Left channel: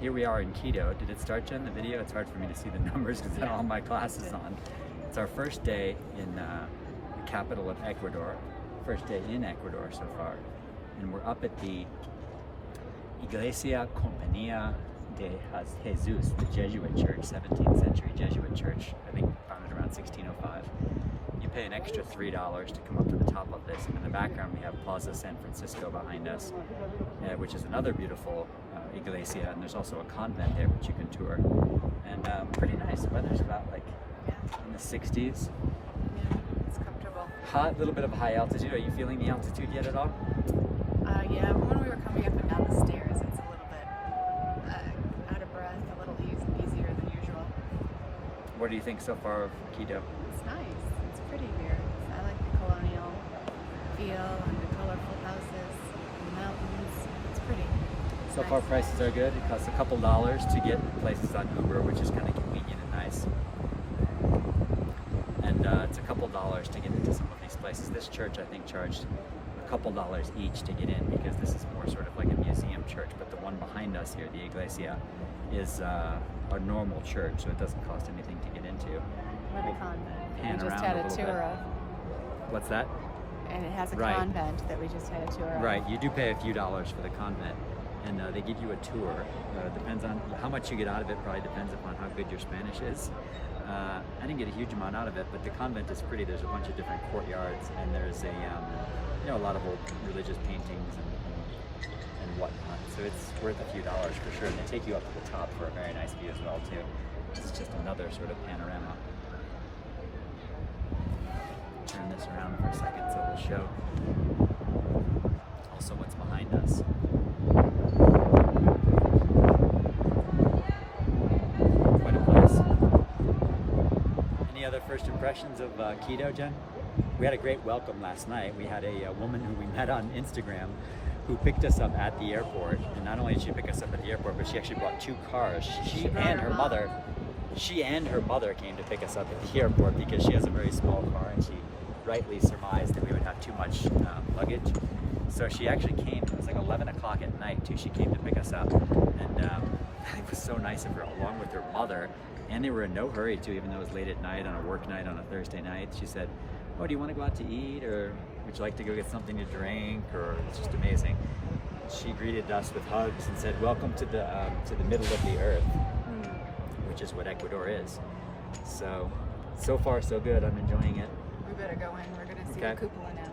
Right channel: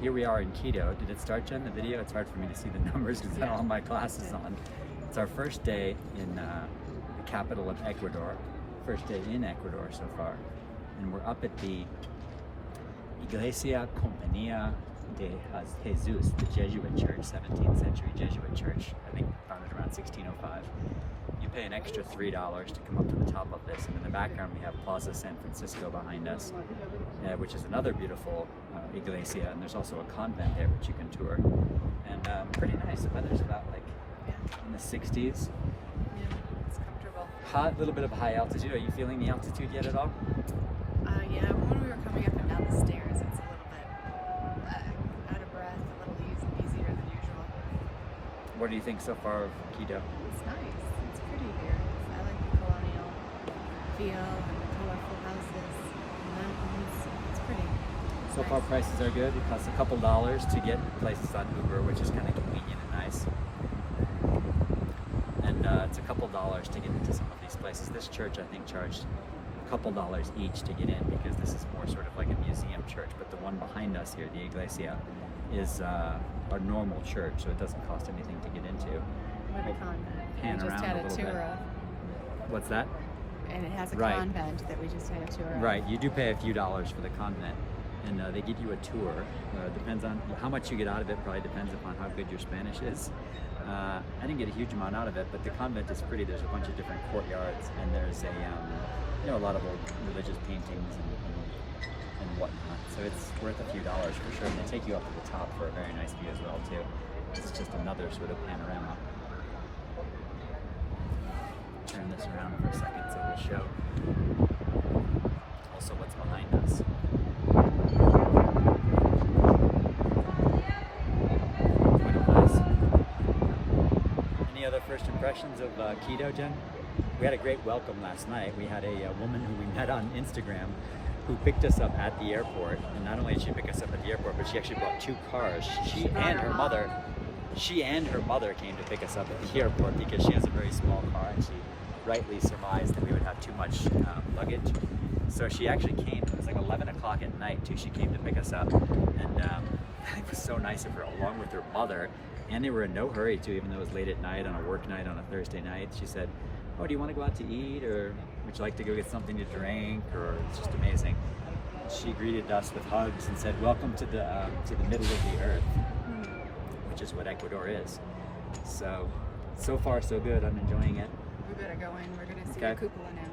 Here we are in Quito. Did it start, Jen, the video? It's hard for me to see the numbers because I don't have my glasses on. It's our first day in the capital of Ecuador. First day in Ecuador so far. And we're up at the Iglesia Compañía de Jesus, the Jesuit church, 17th century Jesuit church, I think founded around 1605. You pay an extra $3 to come up to the top of this, and in the background we have Plaza San Francisco behind us, which is another beautiful iglesia, and there's also a convent there which you can tour. And pretty nice. The weather's about like in the 60s. Yeah, it's comfortable. Hot, little bit of a high altitude. Are you feeling the altitude yet at all? Yeah, when we were coming up and down the stairs, it's a little bit out of breath, a little easier than usual. What do you think so far of Quito? It's nice. It's pretty here. I like the colonial feel and the colorful houses and the mountains. It's pretty. So far prices are good. It costs a couple dollars to get places on Uber, which is kind of convenient and nice. And it's a couple dollars to get into some of these places. This church, I think, charged a couple dollars each to get in because this is more sort of like a museum church. But the one behind us here, the iglesia, is our normal church, so it doesn't cost anything to get into. With a convent. Pan around a little bit. What's that? And it has a Right. convent that we just had a tour of. Right, you do pay a few dollars for the convent, and they give you a tour. Depends on how much you get out of it, probably depends upon how good your Spanish is. I didn't get a huge amount out of it, but the convent is pretty. There's a bunch of different courtyards, and there's a lot of old religious paintings and whatnot. So it's worth a few dollars for sure, and they take you up to the top for a very nice view as well too. It's just another sort of panorama. Turn this around for a second so we'll show also what's behind us. Quite a place. Any other first impressions of Quito, Jen? We had a great welcome last night. We had a woman who we met on Instagram who picked us up at the airport, and not only did she pick us up at the airport, but she actually brought two cars. She and her mother came to pick us up at the airport because she has a very small car, and she rightly surmised that we would have too much luggage. So she actually came. It was like 11 o'clock at night too. She came to pick us up, and it was so nice of her, along with her mother. And they were in no hurry too, even though it was late at night on a work night on a Thursday night. She said, "Oh, do you want to go out to eat, or would you like to go get something to drink?" Or it's just amazing. She greeted us with hugs and said, "Welcome to the middle of the earth," which is what Ecuador is. So far so good. I'm enjoying it. We better go in. We're going to see Okay. the cupola now.